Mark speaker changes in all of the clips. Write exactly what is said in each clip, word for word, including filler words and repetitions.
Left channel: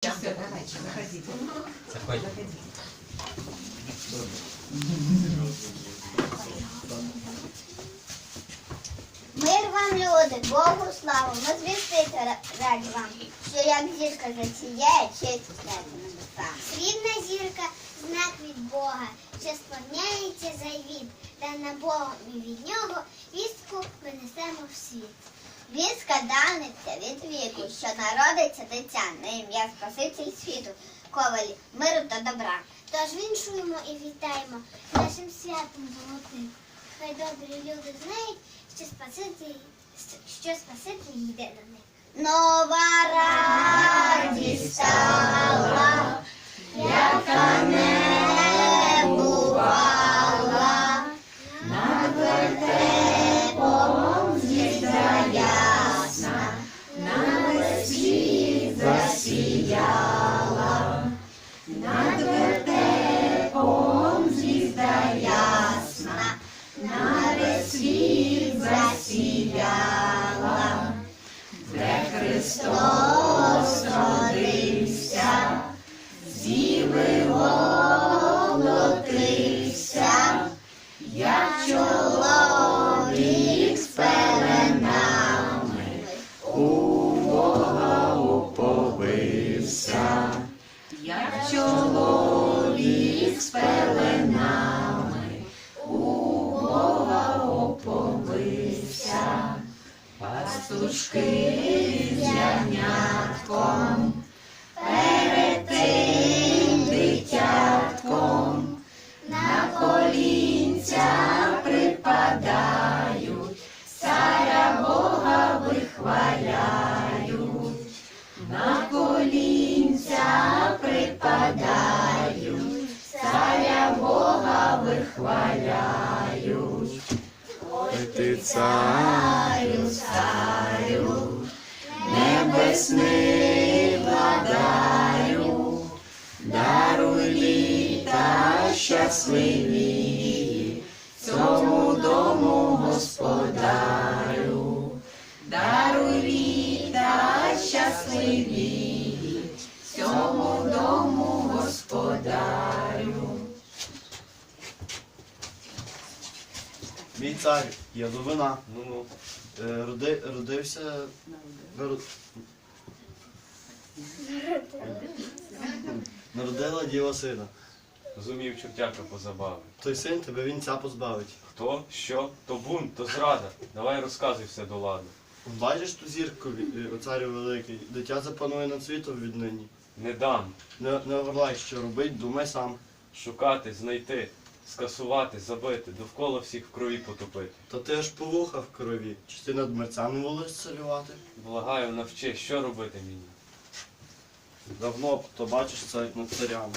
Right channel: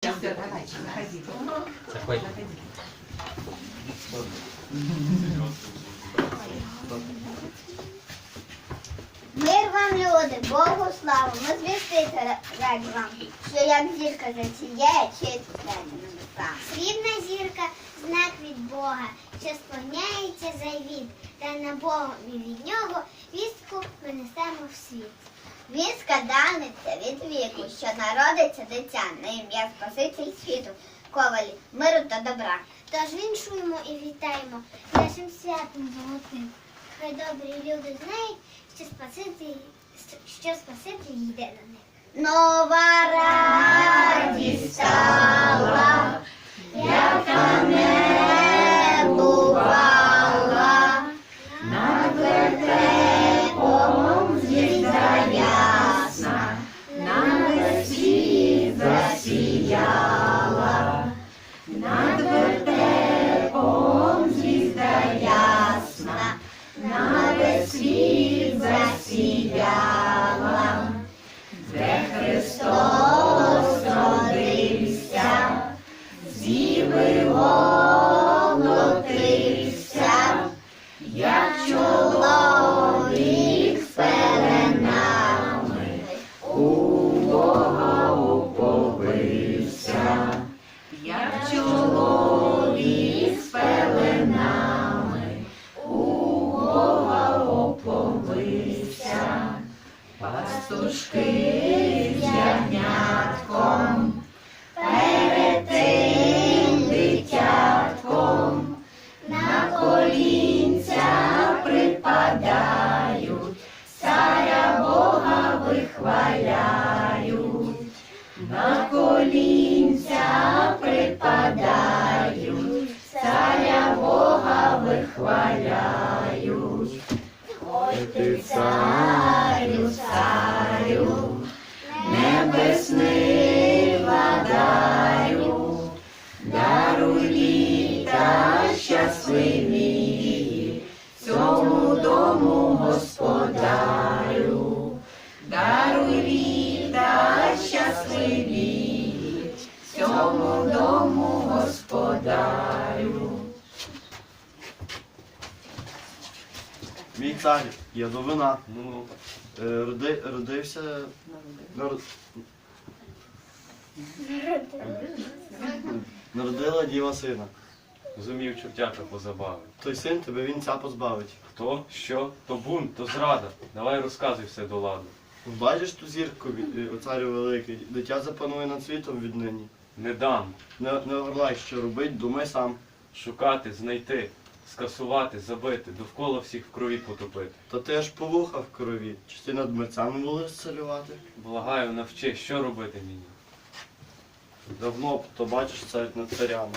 Speaker 1: Все, давайте, заходите.
Speaker 2: Заходите.
Speaker 3: Мир вам, люди, Богу славу, ми звістити раді вам, що як зірка засіяє, честь святі небеса. Срібна зірка – знак від Бога, що сповняється завіт, та на Богові від нього вістку ми несемо в світ. Вістка даниться від віку, що народиться дитя на ім'я Спаситель світу, ковалі миру та добра. Тож віншуємо і вітаємо нашим святом золотим. Хай добрі люди знають, що Спаситель, що Спаситель йде до них. Нова радість стала, яка не бувала, над вертепом звізда ясна, на весь світ засіяла, над вертепом звізда ясна, на весь світ засіяла, де Христос родився, зіви волотився, як чоловік з пеленами, у Бога уповився, як чоловік з пеленами, у Бога уповився. Пастушки з ягнятком, перед тим дитятком, на колінця припадають, царя Бога вихваляють, на колінця припадають, царя Бога вихваляють. Ой ти, царю, царю, небесний владарю, даруй літа щасливі цьому дому господарю, даруй літа щасливі цьому дому господарю.
Speaker 4: Мій цар, Ядовина, ну, е, роди, родився, народ... народила діва сина.
Speaker 2: Зумів чортяка позабавив.
Speaker 4: Той син тебе вінця позбавить.
Speaker 2: Хто? Що? То бунт, то зрада. Давай розказуй все до ладу.
Speaker 4: Бачиш ту зірку, е, о царю великий, дитя запанує над світом віднині.
Speaker 2: Не дам.
Speaker 4: Не, не орлай, що робить, думай сам.
Speaker 2: Шукати, знайти, скасувати, забити, довкола всіх в крові потопити.
Speaker 4: Та ти ж по вухах в крові, чи ти над мерцями будеш царювати?
Speaker 2: Благаю, навчи, що робити мені.
Speaker 4: Давно б, то бачиш цар над царями.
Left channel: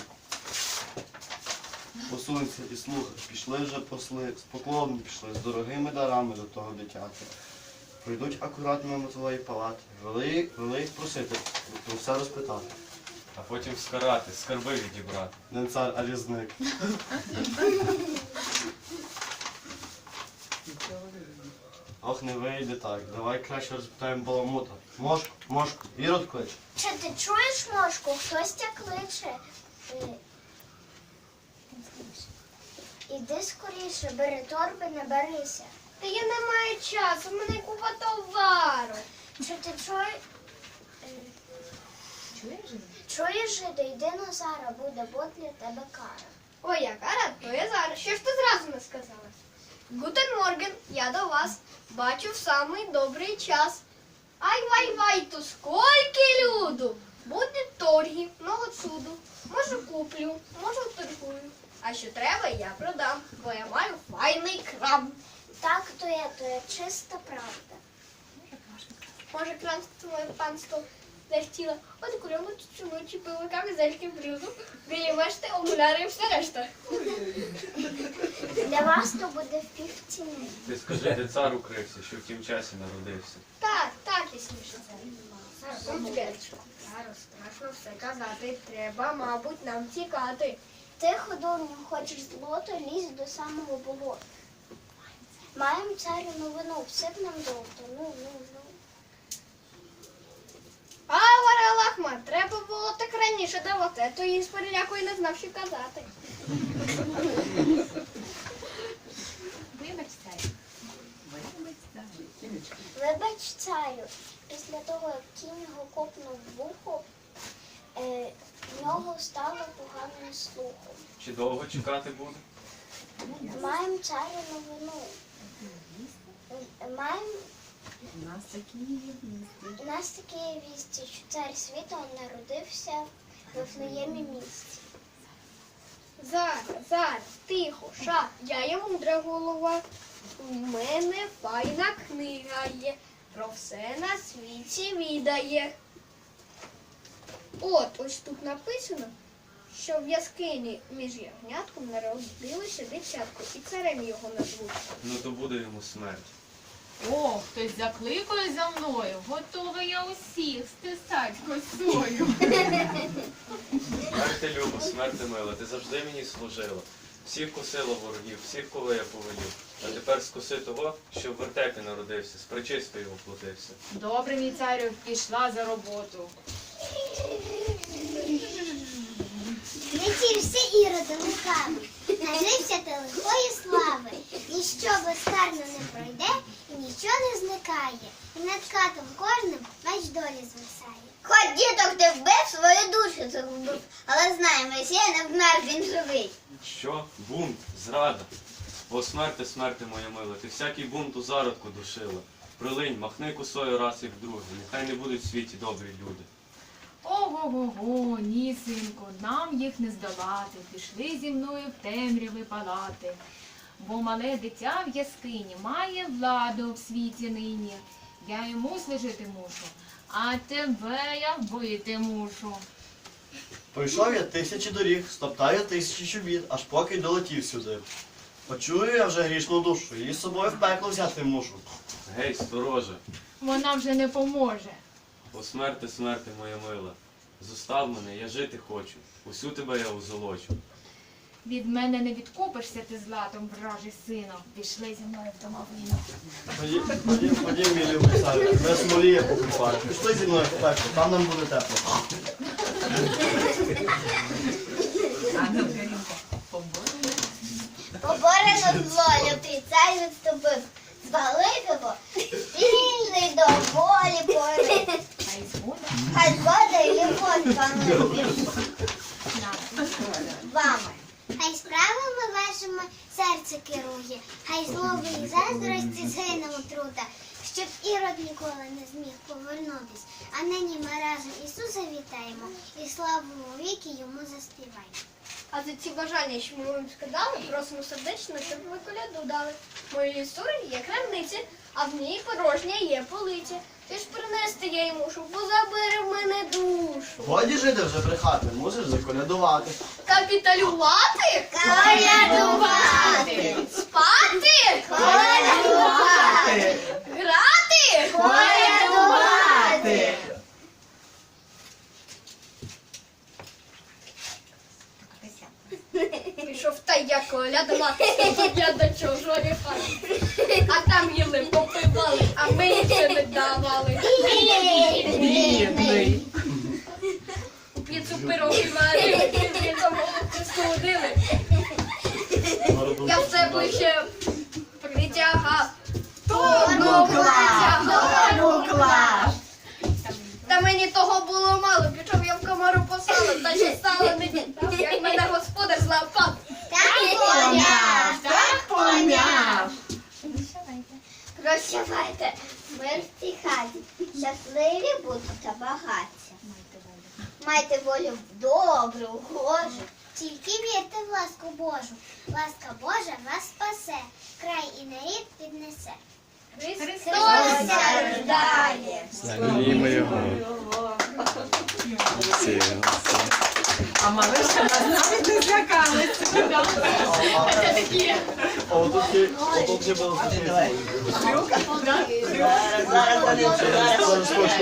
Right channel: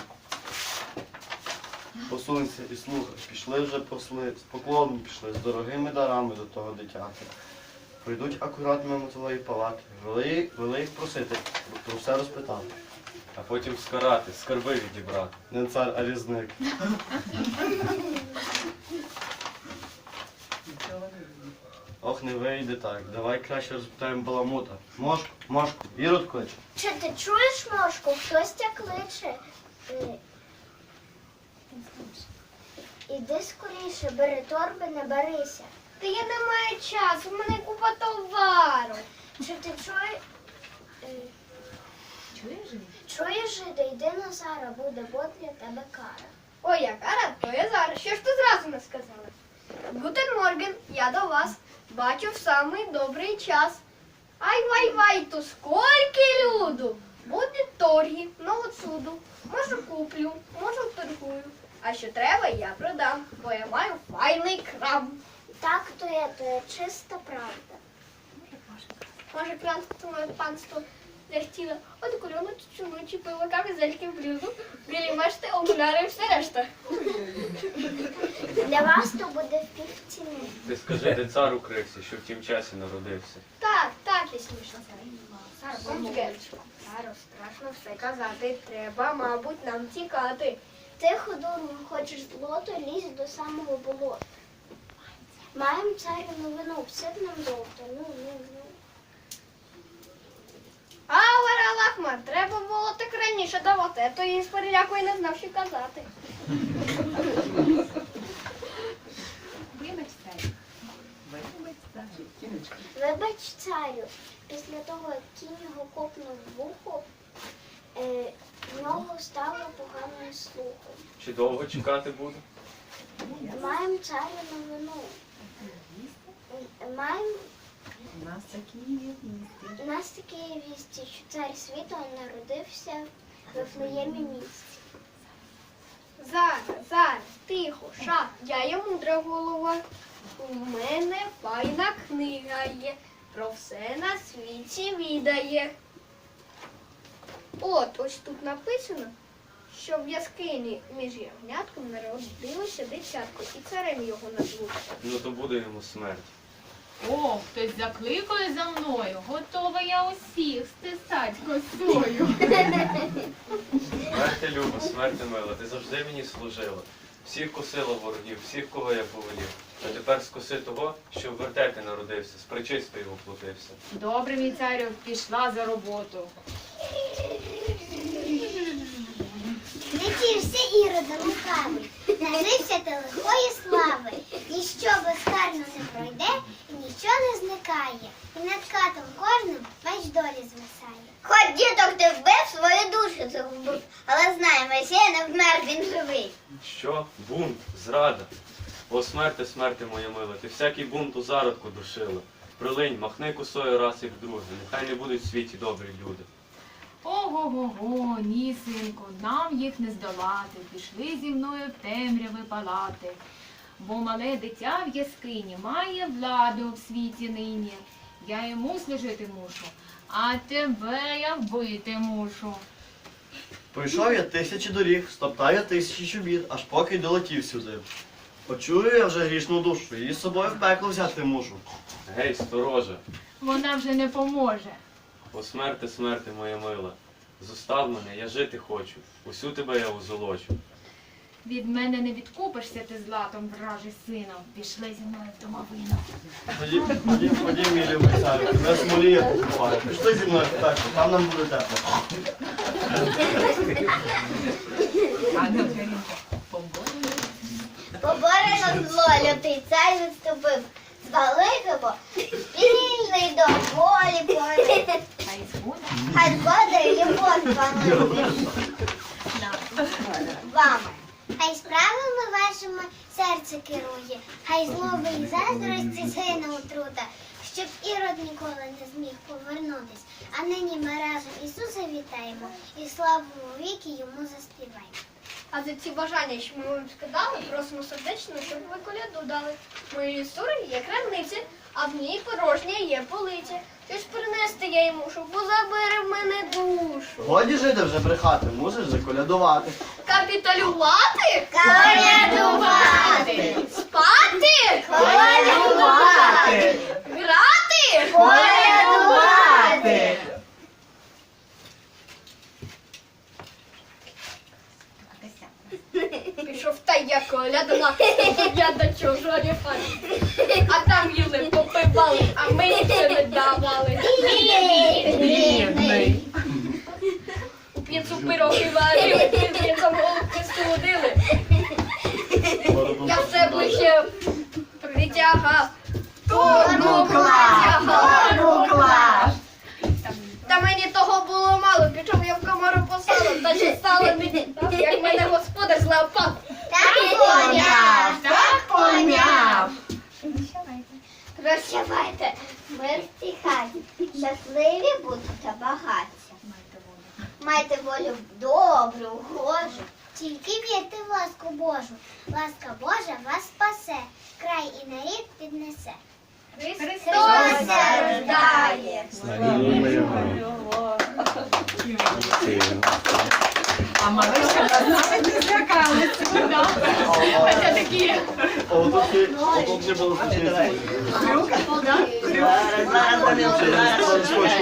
Speaker 4: Посунься і слухай, пішли вже посли, з поклоном пішли, з дорогими дарами до того дитяти. Прийдуть акурат мимо твоєї палати, вели, вели їх просити, про все розпитати.
Speaker 2: А потім скарати, скарби відібрати.
Speaker 4: Не цар, а різник. Ох, не вийде так. Давай краще розпитаємо баламута. Мошку, мошку, Ірод клич.
Speaker 3: Чи ти чуєш, Мошку, хтось тя кличе? Е, Іди скоріше, бери торби, не берися.
Speaker 5: Та я не маю часу, в мене купа товару.
Speaker 3: Чи ти чуєш?
Speaker 1: Чуєш же?
Speaker 3: Чуєш, жиде, йди на Зара, буде бо для тебе кара.
Speaker 5: Ой, яка рад, то я зараз. Що ж ти зразу не сказала? Гутен Морген, я до вас. Бачу в самий добрий час. Ай вай вай, то скільки люду. Буде торги, много цуду. Можу куплю, можу торгую. А що треба, я продам, бо я маю файний крам.
Speaker 3: Так то є, то є чиста правда.
Speaker 5: Може, крамство моє панство захотіло от кульону чучуну чи пиво, камізельки в блюзу, білі мешти, окуляри і все решта.
Speaker 3: Для вас то буде в півціни.
Speaker 2: Ти скажи, де цар укрився, що в тім часі народився.
Speaker 5: Так, так, я смішно. Сара, концертку. Саро, страшно все казати. Треба, мабуть, нам тікати.
Speaker 3: Ти, художник, хочеш злото, лізь до самого болота. Маємо царю новину, всип нам золото, ну, ну, ну.
Speaker 5: А, варала, Ахма, треба було так раніше давати, а то їй з перелякою не знав, що казати.
Speaker 1: Вибач, царю. Вибач, царю.
Speaker 3: Вибач, царю, після того, як кінь його копнув в вухо, е, в нього стало поганим слухом.
Speaker 2: Чи довго чекати буде?
Speaker 3: Маємо царю новину. Маємо
Speaker 1: У нас такі є вісті.
Speaker 3: у нас такі є вісті, що цар світу народився в Вифлеємі місті.
Speaker 5: Зараз, зараз, тихо, ша, я є мудра голова. У мене файна книга є, про все на світі відає. От, ось тут написано, що в яскині між ягнятком народилося дитятко, і царем його назвуть.
Speaker 2: Ну то буде йому смерть.
Speaker 1: О, хтось закликає за мною. Готова я усіх стисать косою.
Speaker 2: Смерть ти люба, смерть ти мила, ти завжди мені служила. Всіх косила ворогів, всіх, кого я повелів. А тепер скоси того, що в вертепі народився, з причистою його платився.
Speaker 1: Добре, мій царю, пішла за роботу.
Speaker 3: Летівся іродом лукавий, нажився ти лихої слави. Ніщо безкарно не пройде і нічого не зникає. І над катом кожним меч долі звисає. Хоч діток ти вбив, свою душу загубив, але знай, Месія не вмер, він живий.
Speaker 2: Що? Бунт, зрада. О, смерти, смерти моя мила, ти всякий бунт у зародку душила. Прилинь, махни косою раз і вдруге, нехай не будуть в світі добрі люди.
Speaker 1: Ого-го-го, ні, синку, нам їх не здолати. Пішли зі мною в темряви палати. Бо мале дитя в яскині має владу в світі нині. Я йому служити мушу, а тебе я вбити мушу.
Speaker 4: Пройшов я тисячі доріг, стоптаю тисячі чобіт, аж поки й долетів сюди. Почую я вже грішну душу, її з собою в пекло взяти мушу.
Speaker 2: Гей, стороже,
Speaker 1: Вона вже не поможе.
Speaker 2: о смерти, смерти моя мила. Зостав мене, я жити хочу, усю тебе я узолочу.
Speaker 1: Від мене не відкупишся ти златом, вражий сином. Пішли зі мною в домовину.
Speaker 4: Ходім, ходім, ходім, мій любий царю, тебе смоліє покупаю. Пішли зі мною в пекло, там нам буде тепло.
Speaker 3: Поборено зло, лютий цар відступив. Звалив його, вільний до волі порив.
Speaker 1: Хай згода
Speaker 3: Хай згода і любов панує
Speaker 1: нам.
Speaker 3: вами. Хай справами вашими серце керує, хай злоби і заздрості згине отрута, щоб Ірод ніколи не зміг повернутись. А нині ми разом Ісуса вітаємо і славу віки йому заспіваємо.
Speaker 5: А за ці бажання, що ми вам сказали, просимо сердечно, щоб ви коляду дали. Моєї сури є крамниця, а в ній порожня є полиця. Щось принести я їй мушу, бо забере в мене душу.
Speaker 4: Годі жити вже брехати, мусиш заколядувати.
Speaker 5: Капіталювати?
Speaker 3: Колядувати!
Speaker 5: Спати?
Speaker 3: Колядувати!
Speaker 5: Грати?
Speaker 3: Колядувати!
Speaker 5: Пішов та я колядувати, я до чужої хаті. А там їли, попивали, а ми нічого не давали.
Speaker 3: Бідний!
Speaker 5: У п'єцу пироги варили, п'єцом голубки студили. Я все ближче притягав.
Speaker 3: Тону клас! Тону клас!
Speaker 5: Та мені того було мало, пішов я в комору посадив, та ще стало не як мене господар злапав.
Speaker 3: Так поняв! Так поняв! Прощавайте, мир в цій хаті, щасливі будете багаття. Майте волю добру, гожу, тільки вірте в ласку Божу. Ласка Божа вас спасе, край і нарід піднесе. Христос рождає!
Speaker 2: Славімо його.
Speaker 1: А малишка нас навіть не злякалися. Да? Хоча такі
Speaker 4: Отут ще- отут ще було смішно.
Speaker 1: хрюк, да?
Speaker 4: Зараз вони